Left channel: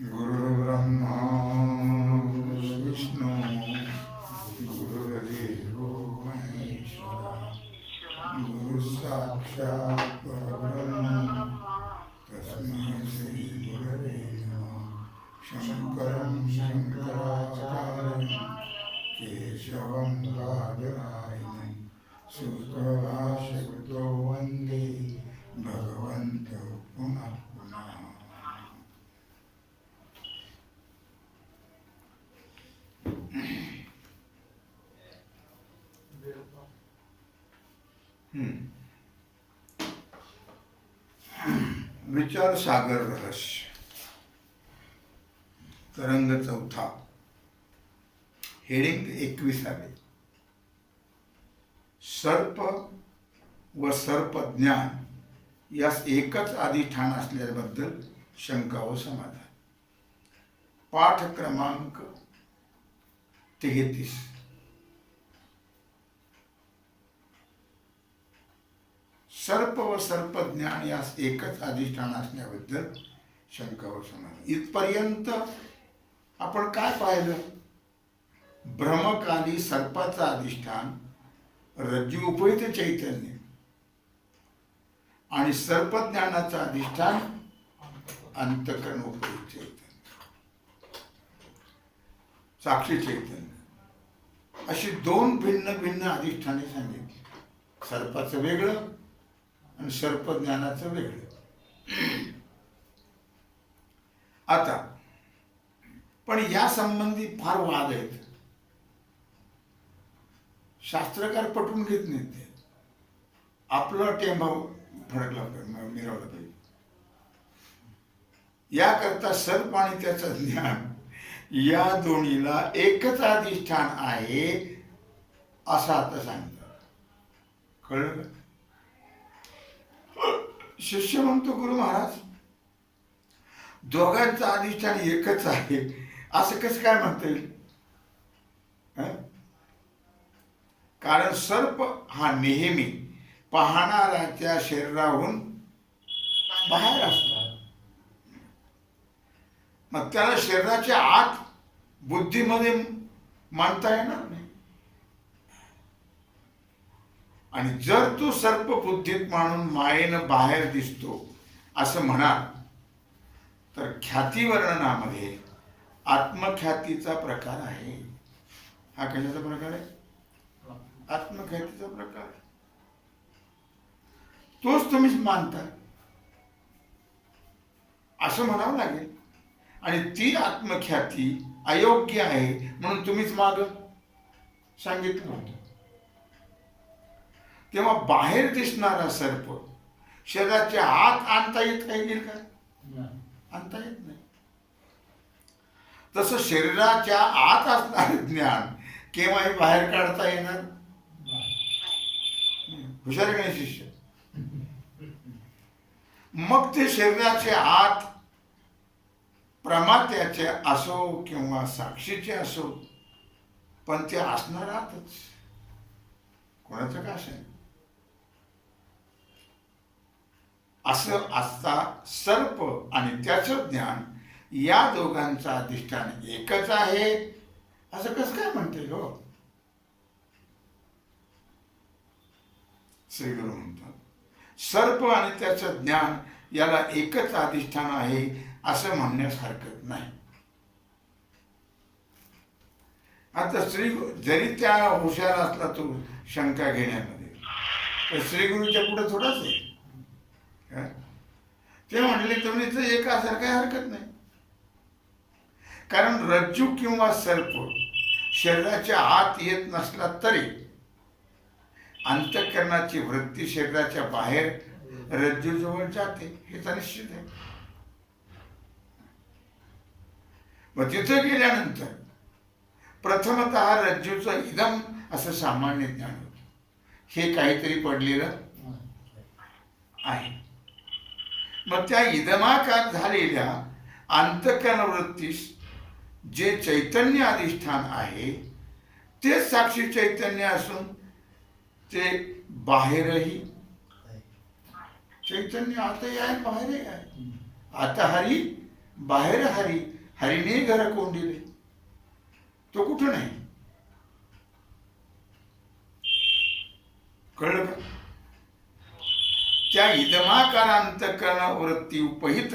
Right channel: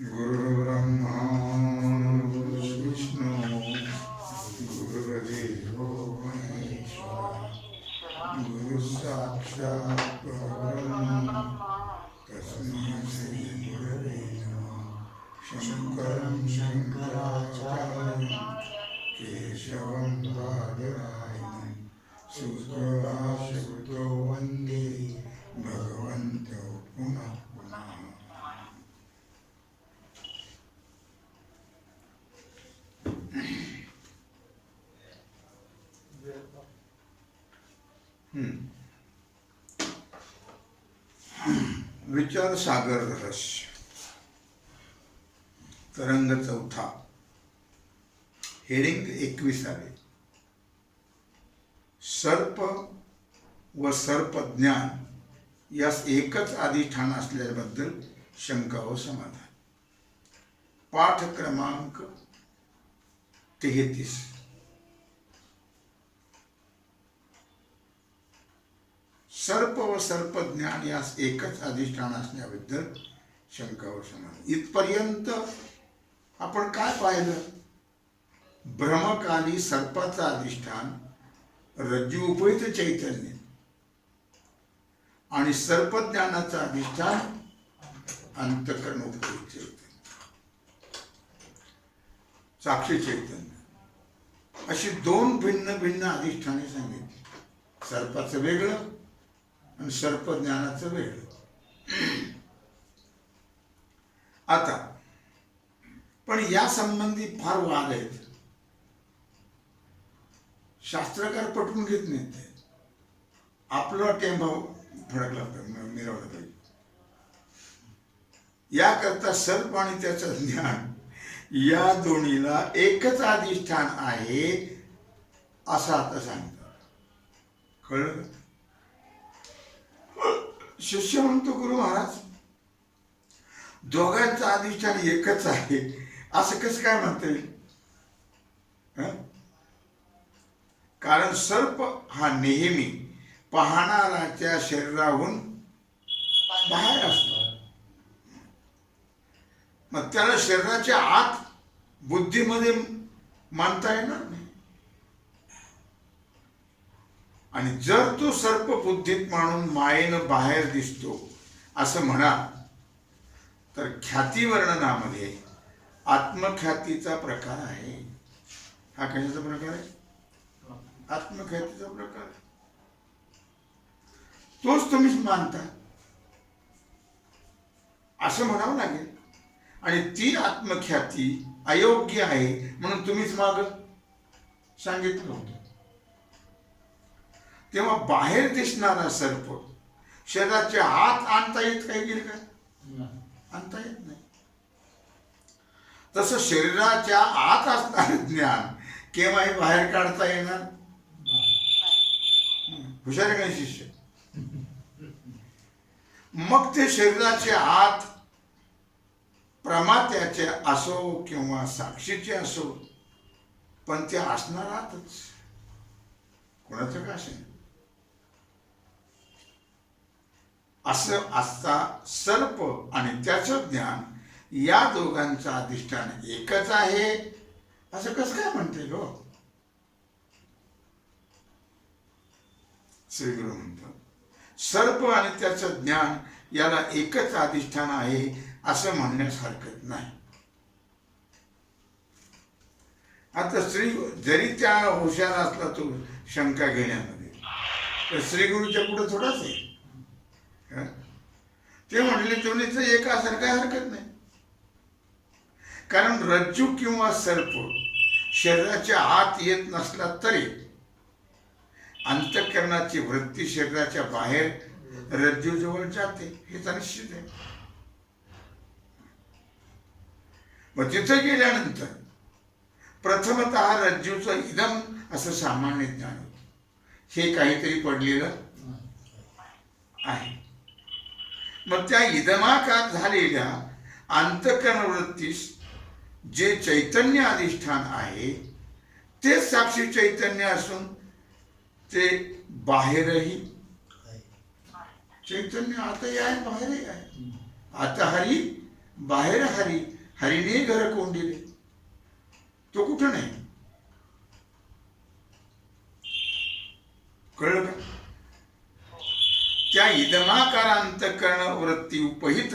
गुरुर्ब्रह्मा गुरुर्विष्णू गुरुर्देवो महेश्वरा गुरुसाक्षात् परब्रह्म तस्मै श्री गुरवे नमः। शंकरं शंकराचार्यं केशवं बादरायणं सूत्रभाष्यकृतो वन्दे भगवन्तौ पुनः पुनः। विचार सागर रहस्य तरंग चौथा हेडिंग 21. सर्प व सर्पज्ञान यास एकच अधिष्ठान असल्याबद्दल शंका व समाधान. पाठ क्रमांक 33. सर्प व सर्पज्ञान यास एकच अधिष्ठान असण्याबद्दल शंका व समाधान. इथपर्यंत आपण काय पाहिलं? भ्रमकाली सर्पाचा अधिष्ठान रज्जू उपहित चैतन्य आणि सर्पज्ञानाचा अधिष्ठान अंतःकरण उपहित चैतन्य, साक्षी चैतन्य, अशी दोन भिन्न भिन्न अधिष्ठाने सांगितली. सर्पाचं वेगळं आणि सर्पज्ञानाचं वेगळं. आता पण या संबंधी फार वाद आहेत. शास्त्रकार पटवून घेत नाहीत. ते आपला टेंबा फडकला मिरवला पाहिजे. याकरता सर्प आणि त्याचं ज्ञान या दोन्हीला एकच अधिष्ठान आहे असं आता सांगतात. कळलं का? शिष्य म्हणतो, गुरु महाराज दोघांचं अधिष्ठान एकच आहे असं कसं काय म्हणता येईल? कारण सर्प हा नेहमी पाहणाऱ्याच्या शरीराहून बाहेर असतो. मग त्याला शरीराच्या आत बुद्धीमध्ये मानता येणार नाही. आणि जर तो सर्प बुद्धीत मानून मायेनं बाहेर दिसतो असं म्हणा, तर ख्याती वर्णनामध्ये आत्मख्यातीचा प्रकार आहे. हा कशाचा प्रकार आहे? आत्मख्यातीचा प्रकार. तोच तुम्हीच मानता असं म्हणावं लागेल. आणि ती आत्मख्याती अयोग्य आहे म्हणून तुम्हीच माग सांगितलं होतं. तेव्हा बाहेर दिसणारा सर्प शरीराच्या आत आणता येत काही गेल का? आणता येत नाही. तसं शरीराच्या आत असणारे ज्ञान केव्हाही बाहेर काढता येणार. हुशार आहे का शिष्य? मग ते शरीराच्या आत प्रमात्याचे असो किंवा साक्षीचे असो, पण ते असणार आतच. कोणाचं का असेल असं असता सर्प आणि त्याचं ज्ञान या दोघांचं अधिष्ठान एकच आहे असं कसं काय म्हणते गो? श्री गुरु म्हणतात, सर्प आणि त्याचं ज्ञान याला एकच अधिष्ठान आहे असं म्हणण्यास हरकत नाही. आता जरी त्या हुशार असला तो शंका घेण्यामध्ये, तर श्रीगुरूच्या पुढे थोडाच आहे. ते म्हणले दोन्हीचं एक असेल काही हरकत नाही. कारण रज्जू किंवा सर्प शरीराच्या आत येत नसला तरी अंतःकरणाची वृत्ती शरीराच्या बाहेर रज्जू जवळ जाते हे तर निश्चित आहे. मग तिथं गेल्यानंतर प्रथमतः रज्जूचं इदम असं सामान्य ज्ञान होतं. हे काहीतरी पडलेलं आहे. मग त्या इदमाकार झालेल्या अंतःकरण वृत्तीस जे चैतन्य अधिष्ठान आहे ते साक्षी चैतन्य असून ते बाहेरही चैतन्य आताही आहे बाहेरही आहे. आता हरी बाहेर हरीने घर कोंडिले, तो कुठं नाही. कळलं का? त्या इदमाकार अंतःकरण वृत्ती उपहित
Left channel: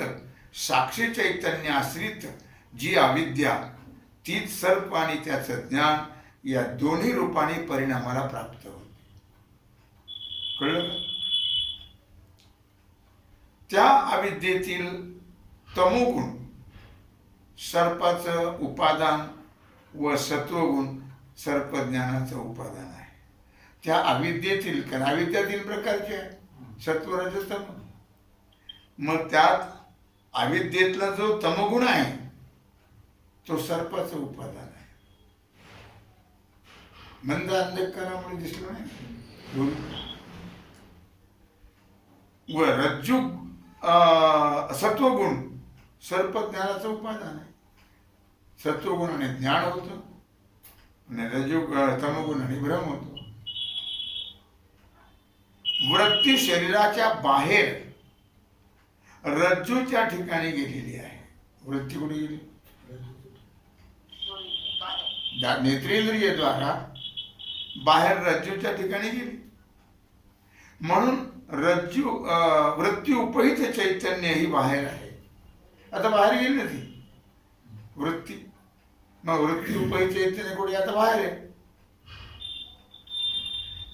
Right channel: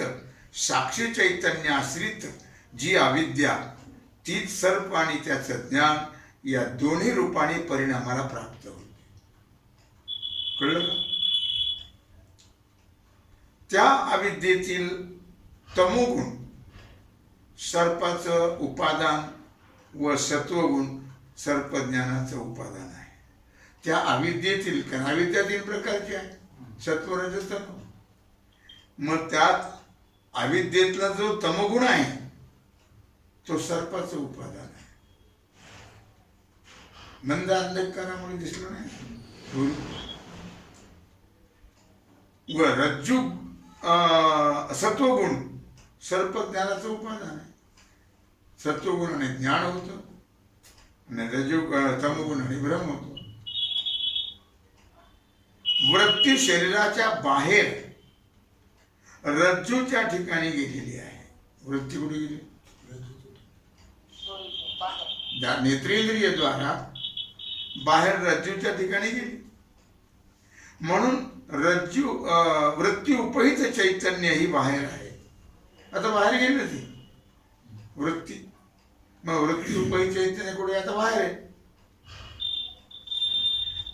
साक्षी चैतन्य आश्रित जी अविद्या, तीच सर्प आणि त्याचं ज्ञान या दोन्ही रूपाने परिणामाला प्राप्त होते. कळलं का? त्या अविद्येतील तमोगुण सर्पाचं उपादान व सत्वगुण सर्पज्ञानाचं उपादान आहे. त्या अविद्येतील, कारण अविद्या 3 प्रकारची आहे, सत्व रजस तम. मग त्यात अविद्येतला जो तमोगुण आहे तो सर्पाचं उपादान आहे. मंद अंधकारामुळे दिसलं नाही. व रज्जू सत्वगुण सर्पज्ञानाचं उपादान आहे. सत्वगुणाने ज्ञान होतं आणि रज्जू तमोगुणाने भ्रम होतो. वृत्ती शरीराच्या बाहेर रज्जूच्या ठिकाणी गेलेली आहे. वृत्ती कुठे गेली? नेत्रेंद्रियद्वारा बाहेर रज्जूच्या ठिकाणी गेली. म्हणून वृत्ती उपहित चैतन्य ही बाहेर आहे. आता बाहेर गेली ना ती वृत्ती, मग वृत्ती उपहित चैतन्य कुठे? आता बाहेर आहे.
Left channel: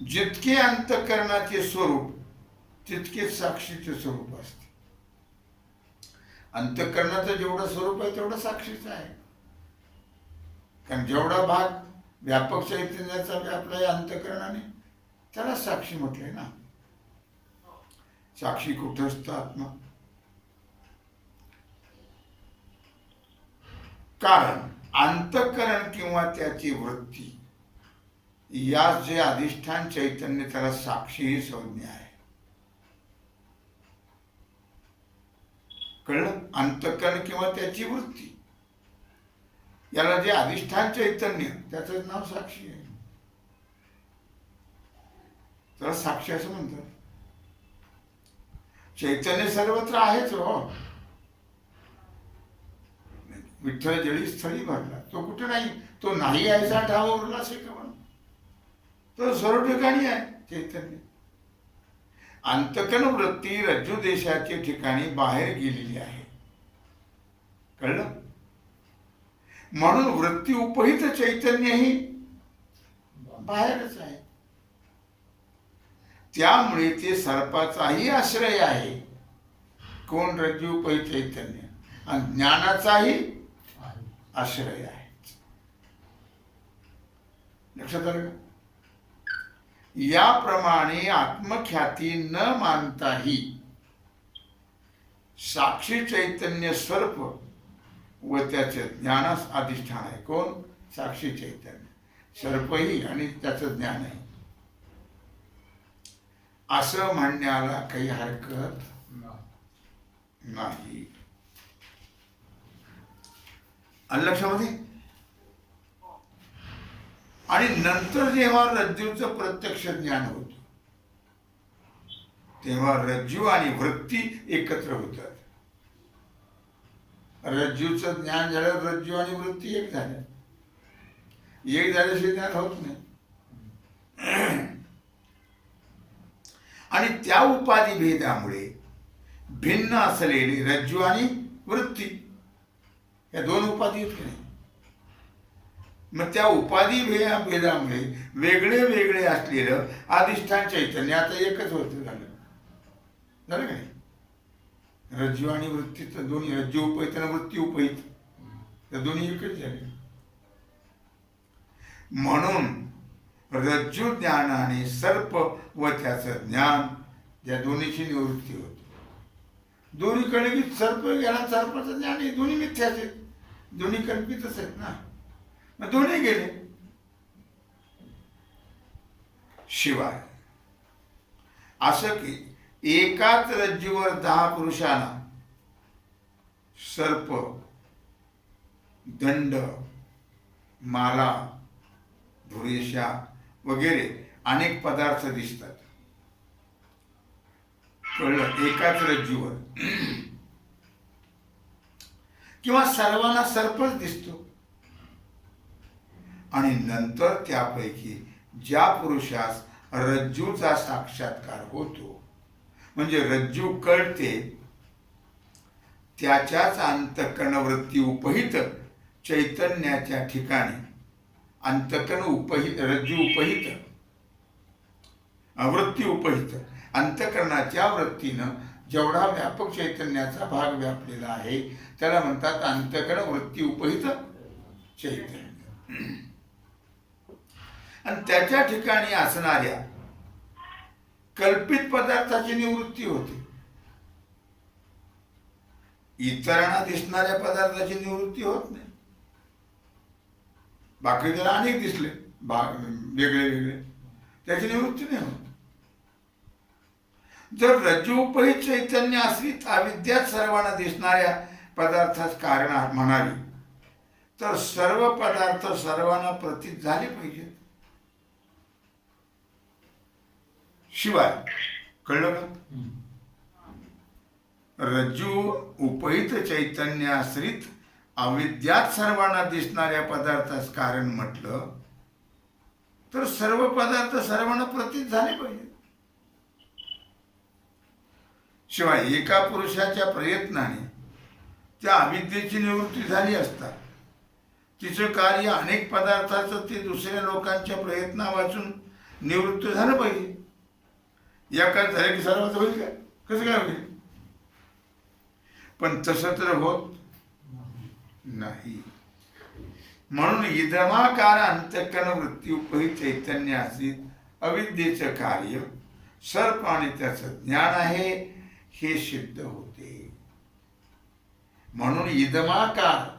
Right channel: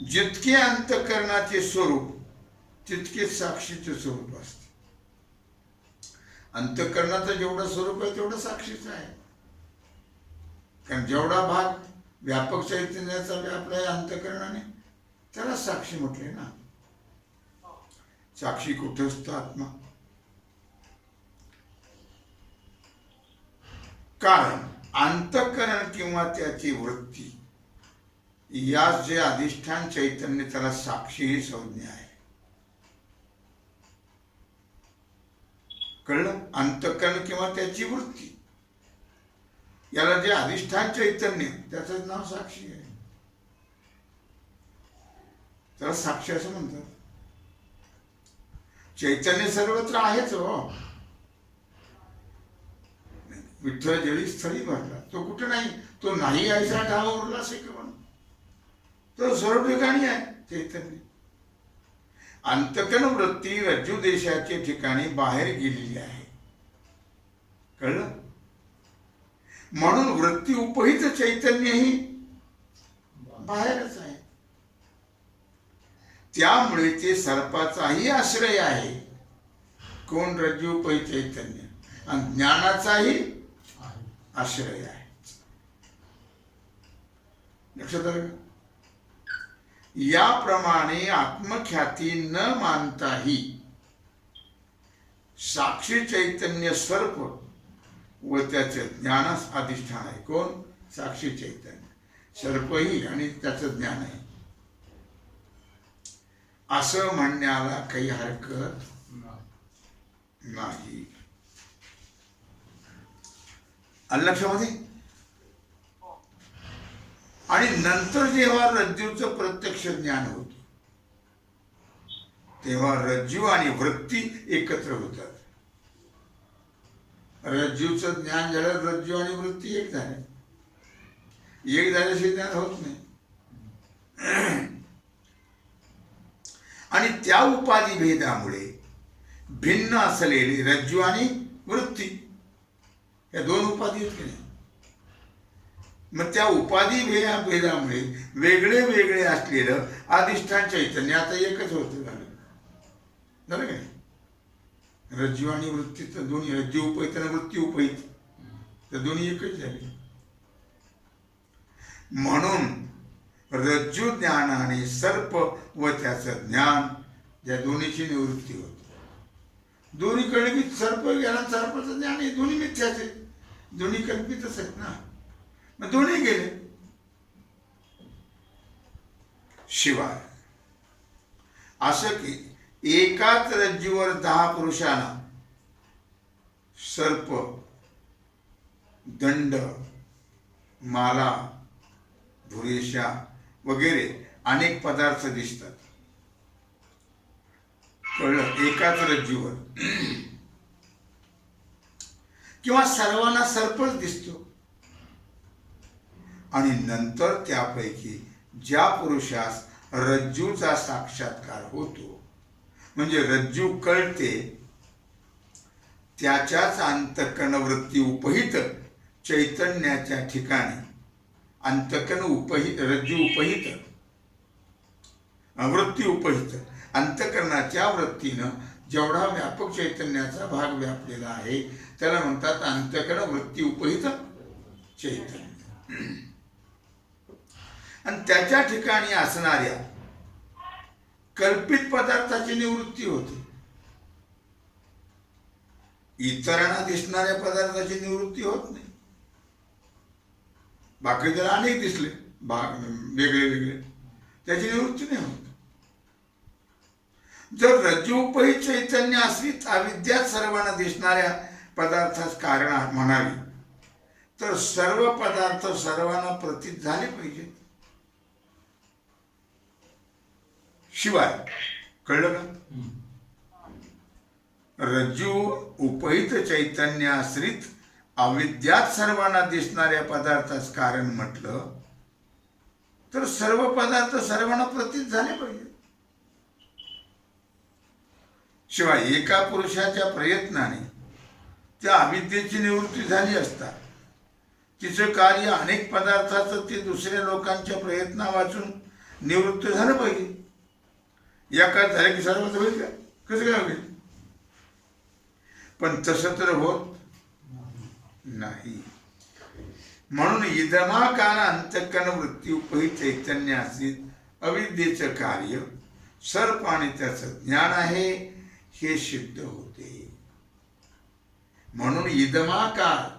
जितके अंतःकरणाचे स्वरूप तितके साक्षीचे स्वरूप असते. अंतःकरणाचं जेवढं स्वरूप आहे तेवढं साक्षीचं आहे. कारण जेवढा भाग व्यापक चैतन्याचा व्यापला आहे अंतःकरणाने, त्याला साक्षी म्हटले ना. साक्षी कुठस्थ आत्मा. कारण अंतःकरण किंवा त्याची वृत्ती यास जे अधिष्ठान चैतन्य, त्याला साक्षी ही संज्ञा आहे. कळलं? अंतःकरण किंवा त्याची वृत्ती याला जे अधिष्ठान चैतन्य, त्याचं नाव साक्षी आहे. त्याला साक्षी असं म्हणतात. चैतन्य सर्वत्र आहेच हो. विठ्ठल जळी स्थळी भरला, तो कुठे नाही. तो नाही ऐसा ठाव उरला असे का म्हणून, तो सर्व ठिकाणी आहे चैतन्य. अंतःकरण वृत्ती रज्जू देशाच्या ठिकाणी बाहेर गेलेली आहे. कळलं? म्हणून वृत्ती उपहित चैतन्य ही बाहेरच आहे. त्यामुळे ते सर्पाचाही आश्रय आहे. कोण? रज्जू उपहित चैतन्य. आणि ज्ञानाचाही आश्रय आहे. लक्षात आलं का? याप्रमाणे आत्मख्याती न मानताही साक्षी चैतन्य सर्प व त्याचे ज्ञानास अधिष्ठान आहे. कोण? साक्षी चैतन्य. सर्पही आणि त्याचं ज्ञान आहे असं म्हणण्याला काही हरकत नाही. लक्षामध्ये. आणि नंतर जेव्हा रज्जूचं प्रत्यक्ष ज्ञान होतं तेव्हा रज्जू आणि वृत्ती एकत्र होतात. रज्जूचं ज्ञान झालं, रज्जू आणि वृत्ती एक झाल्या. एक झाल्याशिवाय ज्ञान होत नाही. आणि त्या उपाधी भेदामुळे भिन्न असलेली रज्जू आणि वृत्ती या 2 उपाधी आहेत की नाही. मग त्या उपाधी भेदामुळे वेगळे वेगळे असलेलं अधिष्ठान चैतन्य आता एकच होतं. झालं का नाही? रज्जू आणि वृत्ती तर दोन्ही, रज्जू उपहित आणि वृत्ती उपहित, तर दोन्ही एकच झाले. म्हणून रज्जू ज्ञानाने सर्प व त्याचं ज्ञान या दोन्हीची निवृत्ती होती. दोन्ही कळले की सर्प ज्ञान, सर्पाचं ज्ञान हे दोन्ही मिथ्याच आहेत, दोन्ही कल्पितच आहेत ना. मग दोन्ही गेले. शिवाय असं की एकाच रज्जूवर 10 पुरुषांना सर्प, दंड, माला, धुरेशा वगैरे अनेक पदार्थ दिसतात. कळलं? एकाच रज्जूवर. किंवा सर्वांना सर्पच दिसतो. आणि नंतर त्यापैकी ज्या पुरुषास रज्जूचा साक्षात्कार होतो, म्हणजे रज्जू कळते, त्याच्याच अंतःकरण वृत्ती उपहित चैतन्याच्या ठिकाणी अंतःकरण उपहित, रज्जू उपहित, वृत्ती उपहित, अंतःकरणाच्या वृत्तीनं जेवढा व्यापक चैतन्याचा भाग व्यापलेला आहे त्याला म्हणतात अंतःकरण वृत्ती उपहित चैतन्य. आणि त्याच्या ठिकाणी असणाऱ्या कल्पित पदार्थाची निवृत्ती होते. इतरांना दिसणाऱ्या पदार्थाची निवृत्ती होत नाही. बाकी त्याला अनेक दिसले वेगळे वेगळे, त्याची निवृत्ती नाही होत. जर रज्जू उपहित चैतन्य असलीत अविद्यात सर्वांना दिसणाऱ्या पदार्थास कारण म्हणावी तर सर्व पदार्थ सर्वांना प्रतीत झाले पाहिजेत. शिवाय कळलं का? रज्जू उपहित चैतन्य आश्रित अविद्यात सर्वांना दिसणाऱ्या पदार्थास कारण म्हटलं तर सर्व पदार्थ सर्वांना प्रतीत झाले पाहिजे. शिवाय एका पुरुषाच्या प्रयत्नाने त्या अविद्येची निवृत्ती झाली असता तिचं कार्य अनेक पदार्थाचं ते दुसऱ्या लोकांच्या प्रयत्ना वाचून निवृत्त झालं पाहिजे. एका झालं की सर्वच होईल का? कसं काय होईल? पण तसं तर होत नाही. म्हणून इदमाकार अंतःकरण वृत्ती उपहित चैतन्य असलीत अविद्येचं कार्य सर्प आणि त्याचं ज्ञान आहे हे सिद्ध होते. म्हणून इदमाकार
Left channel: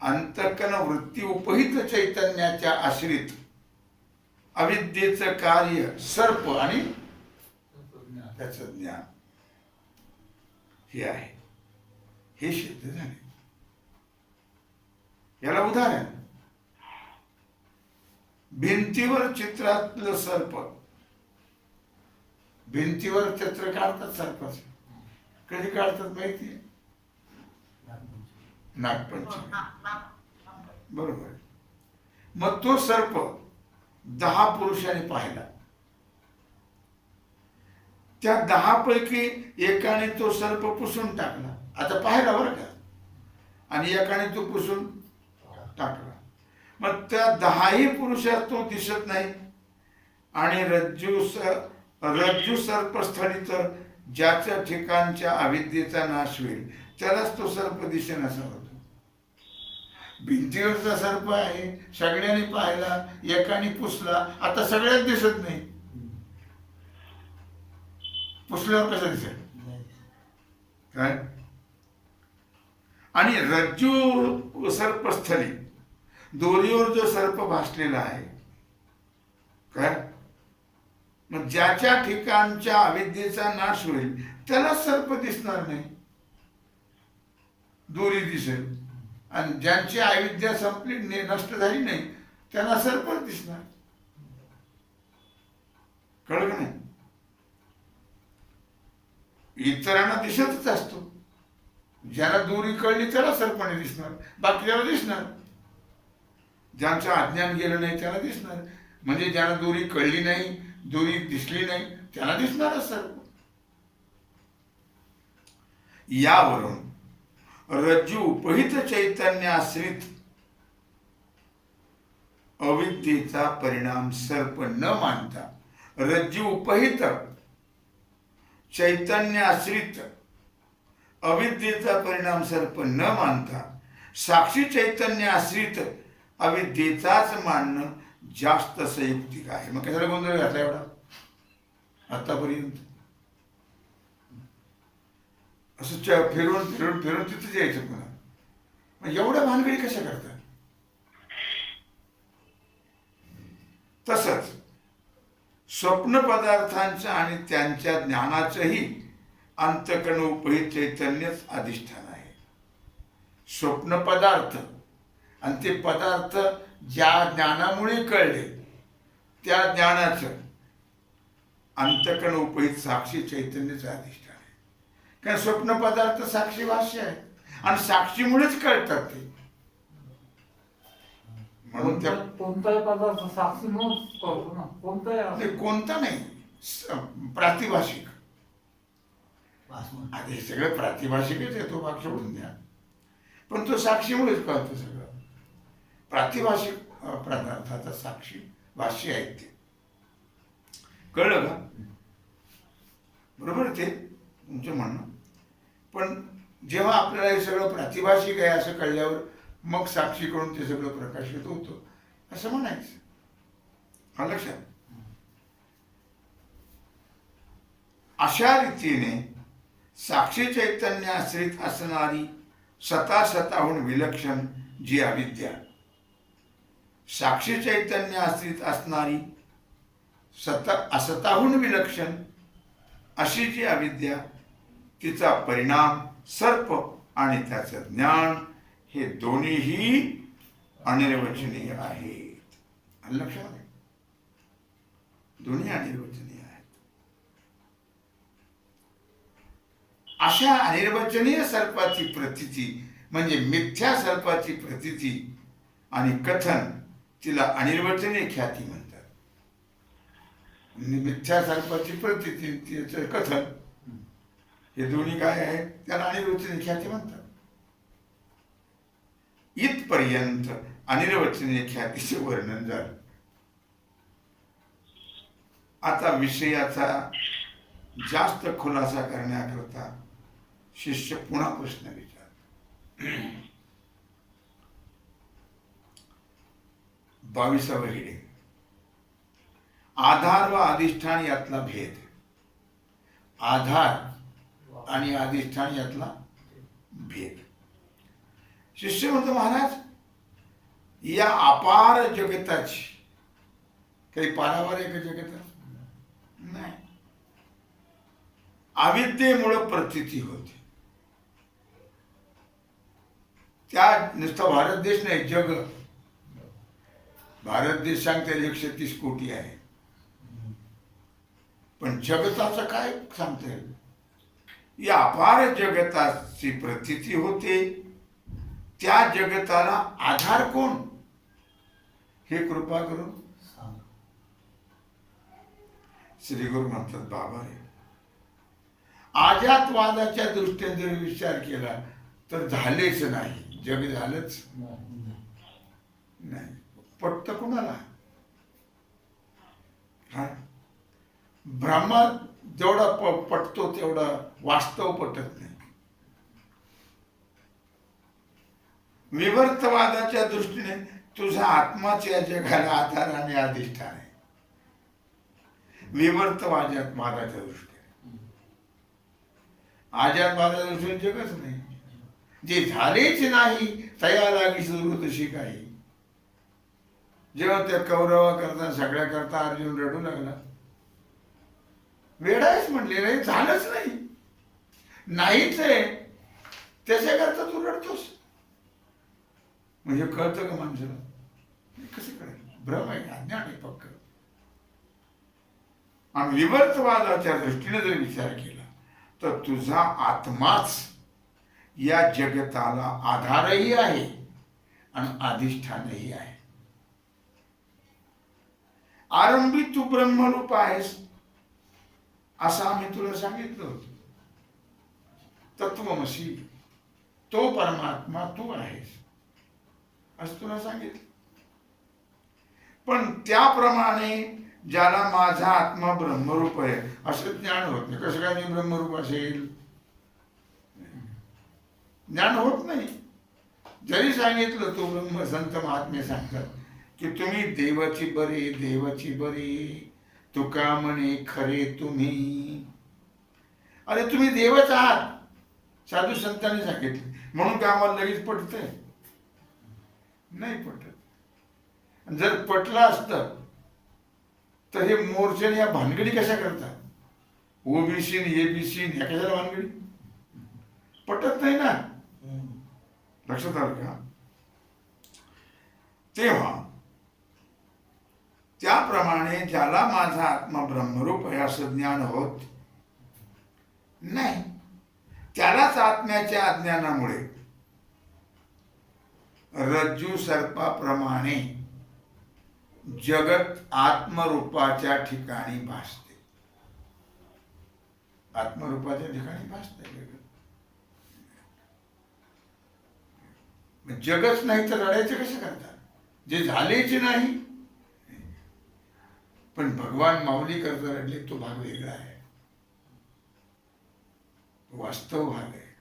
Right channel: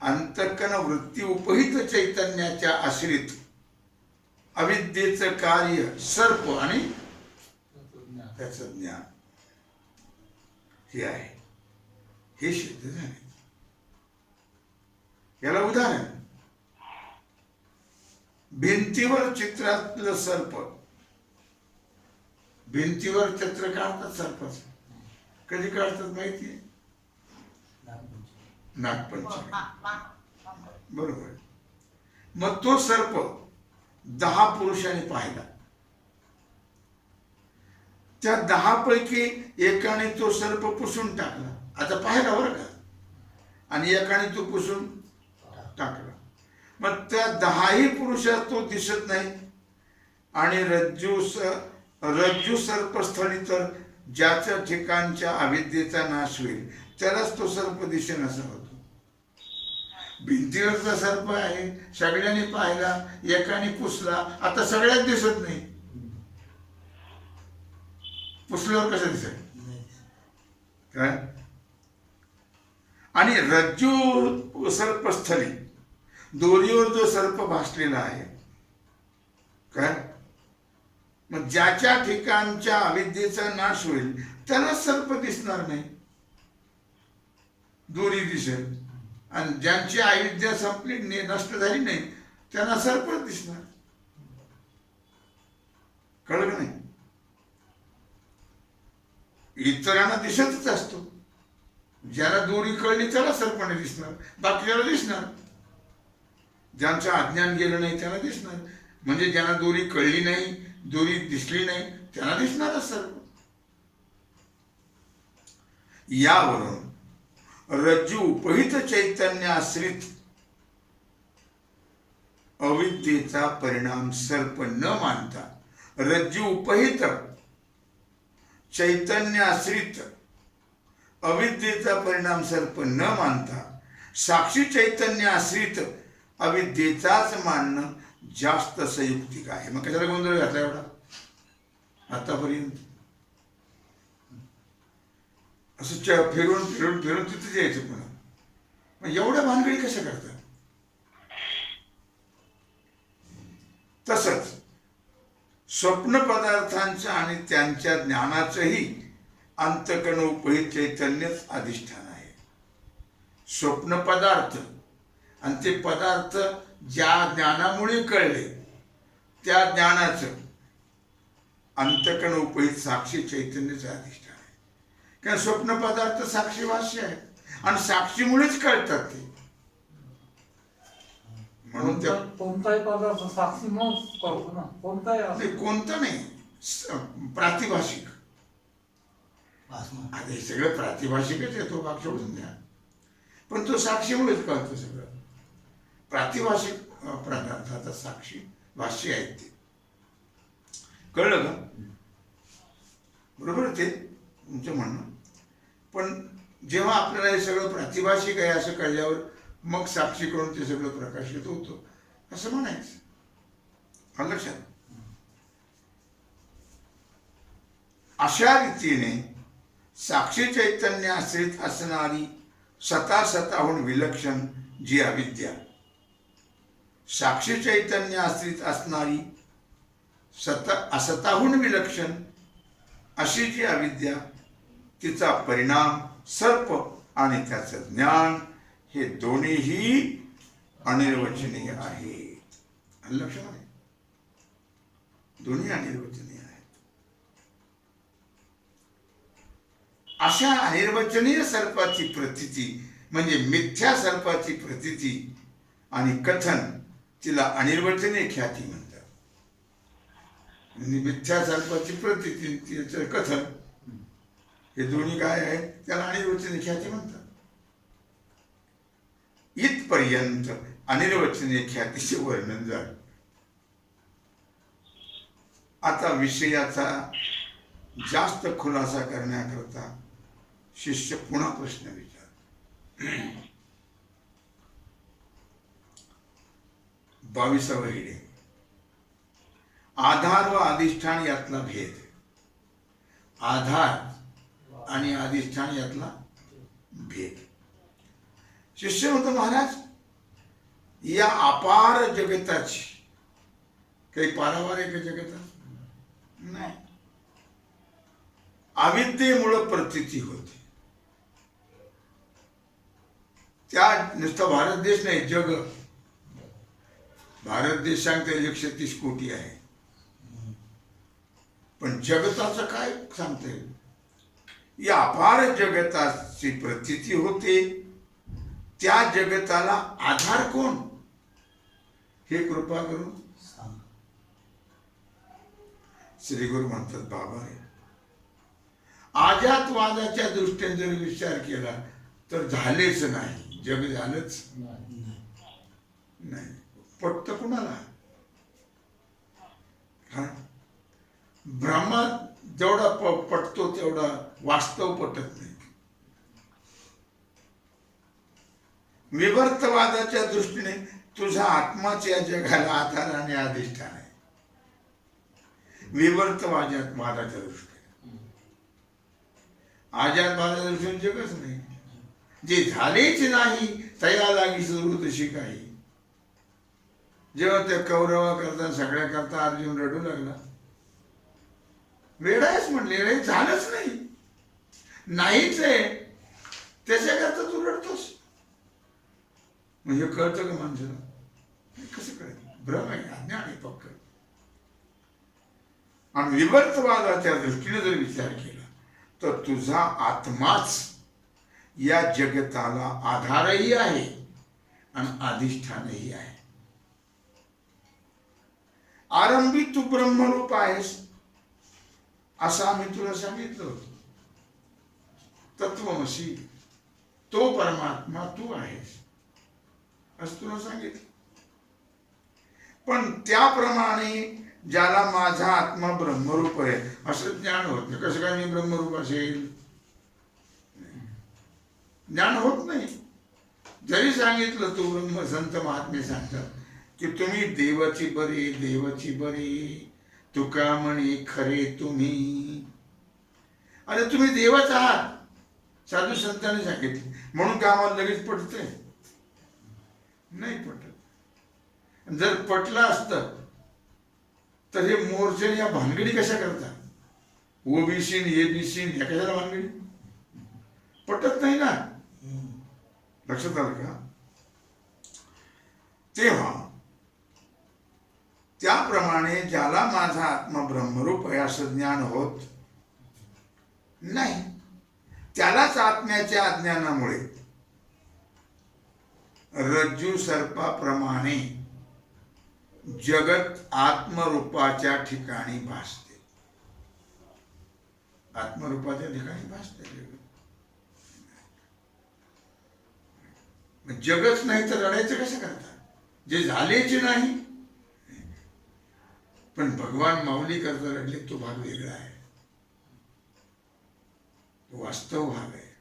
अंतःकरण वृत्ती उपहित चैतन्याच्या आश्रित अविद्येचं कार्य सर्प आणि त्याचं ज्ञान हे आहे, हे सिद्ध झाले. याला उदाहरण भिंतीवर चित्रातलं सर्प. भिंतीवर चित्र काढतात सर्पाचं. कधी काढतात माहिती आहे? नागपंचमी, बरोबर. मग तो सर्प 10 पुरुषांनी पाहिला. त्या 10 पैकी एकाने तो सर्प पुसून टाकला. आता पाहिला बरं का, आणि एकाने तो पुसून टाकला. मग त्या 10ही पुरुषात तो दिसत नाही. आणि रज्जू सर्पस्थळी तर ज्याच्या ठिकाणच्या अविद्येचा नाश होईल त्यालाच तो सर्प दिसेन असा होतो. भिंतीवरचा सर्प आहे, सगळ्यांनी पाहिला, एकाने पुसला, आता सगळ्यात दिसत नाही. पुसल्यावर कसं दिसेल काय? आणि रज्जू सर्पस्थळी दोरीवर जो सर्प भासलेला आहे काय, मग ज्याच्या ठिकाणच्या अविद्येचा नाश होईल त्याला सर्प दिसणार नाही, दोरी दिसेल. आणि ज्यांची अविद्या संपली, नष्ट झाली नाही, त्यांना सर्पच दिसणार. कळलं का नाही? इतरांना दिसतच असतो. ज्याला दोरी कळली त्याला सर्पाने दिसणार, बाकीच्याला दिसणार. ज्यांचं अज्ञान गेलं नाही त्यांना दिसणार. म्हणजे ज्यांना दोरी कळली नाही, दोरी दिसली नाही, त्यांना दिसणारच सर्प. यावरून रज्जू उपहित चैतन्य आश्रित अविद्येचा परिणाम सर्प न मानता, रज्जू उपहित चैतन्य आश्रित अविद्येचा परिणाम सर्प न मानता साक्षी चैतन्य आश्रित अविद्येचाच मानणं जास्त संयुक्तिक आहे. मग कशाला गोंधळ घातला एवढा आतापर्यंत? असं फिरून फिरून फिरून तिथं यायचं पुन्हा. मग एवढ्या भानगडी कशा करतात? तसंच स्वप्न पदार्थांचं आणि त्यांच्या ज्ञानाचंही अंतःकरण उपहित चैतन्यच अधिष्ठान आहे. स्वप्न पदार्थ आणि ते पदार्थ ज्या ज्ञानामुळे कळले त्या ज्ञानाचं अंतःकरण उपहित साक्षी चैतन्यचं अधिष्ठान आहे. कारण स्वप्न पदार्थ साक्षी भाष्य आहे आणि साक्षीमुळेच कळतात ते. म्हणून त्या कोणताही पदार्थ साक्षी म्हणून करतो ना, कोणताही नाही, कोणता नाही, प्रातिभाषिक. आता हे सगळं प्रातिभाषिकच आहे, तो भाग सोडून द्या. पण तो साक्षीमुळेच कळतो सगळं. प्रातिभाषिक पदार्थाचा साक्षी भाष्य आहेत ते. कळलं का? बरोबर ते तुमचं म्हणणं. पण जेव्हा आपल्याला हे सगळं प्रातिभाषिक आहे असं कळल्यावर मग साक्षी करून ते सगळं प्रकाशित होतं असं म्हणायचं. हा लक्षात. अशा रीतीने साक्षी चैतन्य आश्रित असणारी सतासताहून विलक्षण जी अविद्या, साक्षी चैतन्य आश्रित असणारी असताहून विलक्षण अशी जी अविद्या, तिचा परिणाम सर्प आणि त्याचं ज्ञान हे दोन्हीही अनिर्वचनीय आहे. लक्षात आहे, दोन्ही अनिर्वचनीय आहेत. अशा अनिर्वचनीय सर्पाची प्रतीती म्हणजे मिथ्या सर्पाची प्रतीती आणि कथन, तिला अनिर्वचनीय ख्याती म्हणतात. मिथ्या सर्पाची प्रतीती, तिचं कथन, हे दोन्ही काय आहेत, त्याला अनिर्वचनीय ख्याती म्हणतात. इथपर्यंत अनिर्वचनीय ख्यातीचे वर्णन झालं. आता विषयाचा जास्त खुलासा करण्याकरता शिष्य पुन्हा प्रश्न विचार. 22वा हिडे, आधार व अधिष्ठान यातला भेद. आधार आणि अधिष्ठान यातला भेद. शिष्य म्हणतो, महाराज या अपार जगताची काही पारावार आहे का जगता? नाही. अविद्येमुळं प्रतीती होते. त्या नुसता भारत देश नाही, जग. भारत देश सांगते 130 कोटी आहे, पण जगताचं काय सांगता येईल? या अपार जगताची प्रतीती होते. त्या जगताला आधार कोण, हे कृपा करून सांग. श्री गुरु म्हणतात, बाबा रे, आजातवादाच्या दृष्टीने जर विचार केला तर झालेच नाही, जग झालंच नाही. पटत कुणाला? हा, ब्रह्मात जेवढा पटतो तेवढा वास्तव पटत नाही. विवर्तवादाच्या दृष्टीने तुझा आत्माच या जगाला आधार आणि अधिष्ठान आहे. विवर्तवादाच्या दृष्टीने, आजातवादाच्या दृष्टीने जगच नाही. जे झालेच नाही तया लागी सुरू तशी काही. जेव्हा त्या कौरवा करता सगळ्या करता अर्जुन रडू लागला, वेडायच म्हणले, रे झालंच नाही, नाहीच आहे, त्याच्याकरता तू रडतोस. म्हणजे कळतं का माणसाला? कसं कळेल? भ्रम आहे, अज्ञान आहे पक्क. आणि विवर्तवादाच्या दृष्टीने जर विचार केला तर तुझा आत्माच या जगताला आधारही आहे आणि अधिष्ठानही आहे. आरंभी तू ब्रह्मरूप आहेस असं आम्ही तुला सांगितलं होतं. तत्वमसी, तो परमात्मा तू आहेस असं तुला सांगितलं. पण त्याप्रमाणे ज्याला माझा आत्मा ब्रह्मरूप आहे असं ज्ञान होत नाही. कसं काय मी ब्रह्मरूप असेल? ज्ञान होत नाही. जरी सांगितलं, तो ब्रह्म संत महात्मे सांगतात की तुम्ही देवाची बरे, देवाची बरे, तुका म्हणे खरे तुम्ही. अरे तुम्ही देवच आहात, साधू संतांनी सांगितले. म्हणून का आम्हाला लगेच पटतंय? नाही पटत. जर पटलं असतं तर हे मोर्चन या भानगडी कशा करतात? ओबीसी एबीसी ह्या कशाला भानगडी? पटत नाही ना. लक्षात आलं का? तेव्हा त्याप्रमाणे ज्याला माझा आत्मा ब्रह्मरूप आहे असं ज्ञान होत नाही, त्यालाच आत्म्याच्या अज्ञानामुळे रज्जू सर्पाप्रमाणे जगत आत्मरूपाच्या ठिकाणी भासते. आत्मरूपाच्या ठिकाणी भासते जगत. जगच नाही तर रडायचं कसं करतात? जे झालेच नाही. पण भगवान माऊली करता रडले तो भाग वेगळा आहे, तो वास्तव भाग आहे.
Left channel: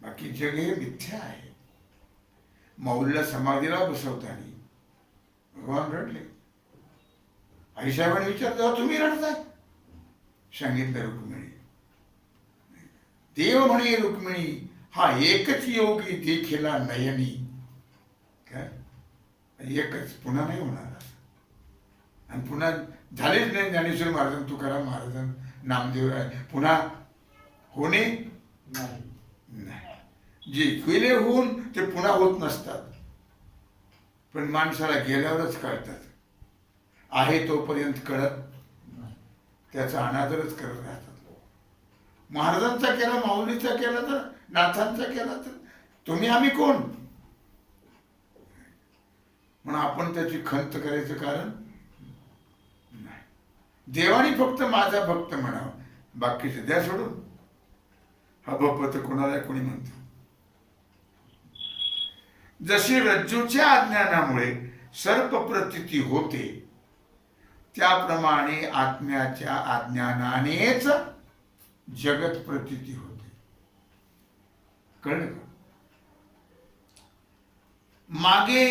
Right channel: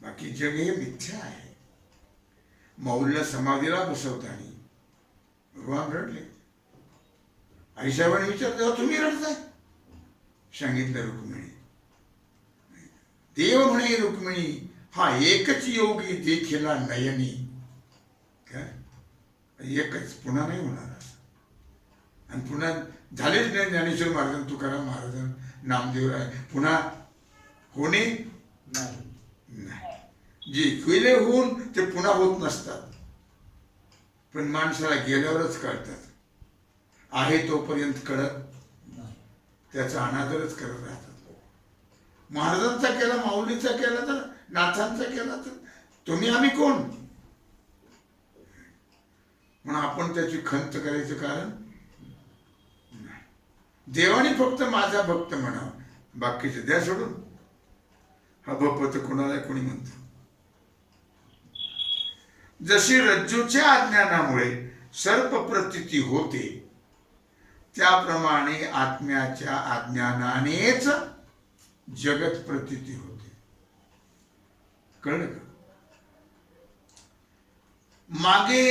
बाकी जग हे मिथ्या आहे. माऊलीला समाधीला बसवताना भगवान रडले. आईसाहेबांनी विचारलं तुम्ही रडताय? सांगितलं रुक्मिणी. देव म्हणे रुक्मिणी हा एकच योगी देखिला नयनी. काय एकच, पुन्हा नाही होणार असं. आणि पुन्हा झालेच नाही. ज्ञानेश्वर महाराज, तुकाराम महाराज, नामदेवराय पुन्हा होणे नाही. जे गेले होऊन ते पुन्हा होत नसतात. पण माणसाला गेल्यावरच कळतात. आहे तोपर्यंत कळत त्याचा अनादरच करत राहतात. महाराजांचा केला, माऊलीचा केला, तर नाथांचा केला, तर तुम्ही आम्ही कोण म्हणून आपण त्याची खंत करायचं कारण नाही. देवानी फक्त माझा भक्त म्हणावं, बाकीचे द्या सोडून. हा भक्त कोणाला कोणी म्हणतो. जशी रज्जूच्या अज्ञानामुळे सर्प प्रतीती होते, त्याप्रमाणे आत्म्याच्या अज्ञानानेच जगत प्रतीती होते. कळलं का? मागे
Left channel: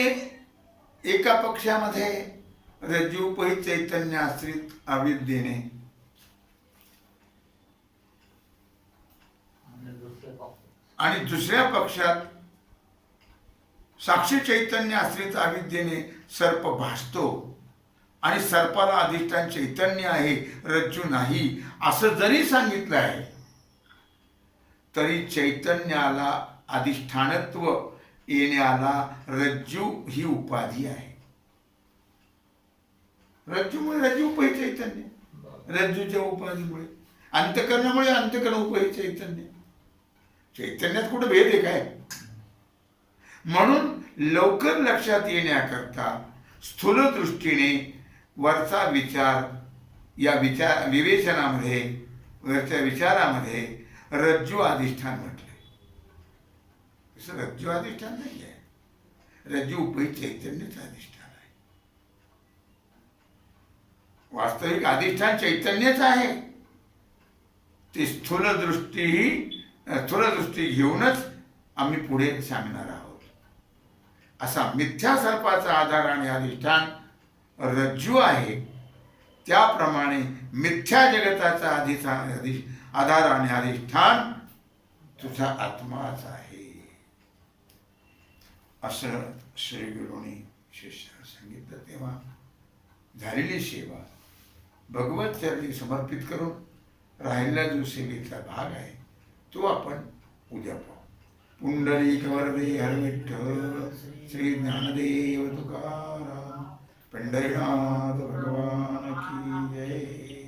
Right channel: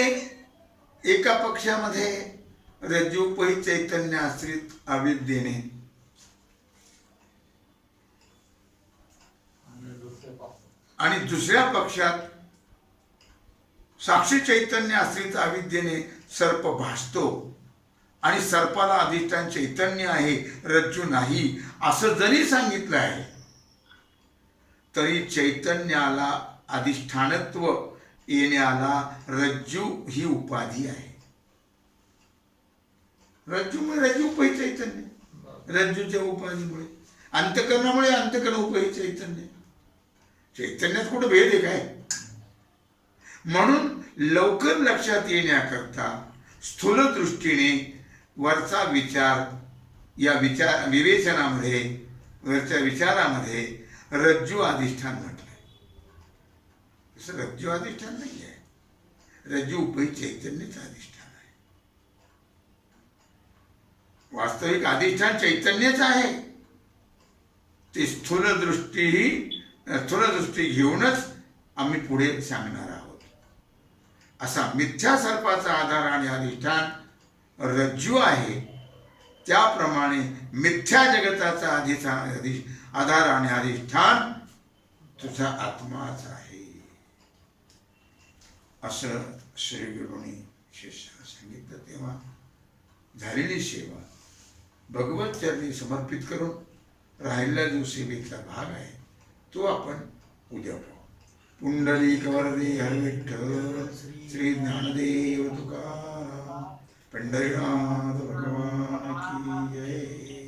एका पक्षामध्ये रज्जूपही चैतन्य आश्रित अविद्येने, आणि दुसऱ्या पक्षात साक्षी चैतन्य आश्रित अविद्येने सर्प भासतो. आणि सर्पाला अधिष्ठान चैतन्य आहे, रज्जू नाही असं जरी सांगितलं आहे, तरी चैतन्याला अधिष्ठानत्व येण्याला रज्जू ही उपाधी आहे. रज्जूमुळे रज्जूपही चैतन्य, रज्जूच्या उपाधीमुळे, अंतकरणामुळे अंतकरणोपही चैतन्य. चैतन्यात कुठं भेद आहे काय? म्हणून लवकर लक्षात येण्याकरता स्थूल दृष्टीने वरचा विचार, या विवेचनामध्ये, वरच्या विचारामध्ये रज्जू अधिष्ठान म्हटलंय. तसं रज्जू अधिष्ठान नाही आहे, रज्जू उपही चैतन्यच अधिष्ठान आहे. वास्तविक अधिष्ठान चैतन्यच आहे. ते स्थूल दृष्टी घेऊनच आम्ही पुढे सांगणार आहोत. असा मिथ्या सर्पाचा आधार आणि अधिष्ठान रज्जू आहे, त्याप्रमाणे मिथ्या जगताचा आधार आणि अधिष्ठान तुझा आत्माच आहे, असं श्री गुरुनी शिष्याला सांगितलं. तेव्हा झालेली सेवा भगवत चरणी समर्पित करून राहिलेला जो सेवेचा भाग आहे तो आपण उद्या पाहू. पुंडलिक वरदे हर विठ्ठल श्री ज्ञानदेव तुकाराम पंढरीनाथ भगवान की जय.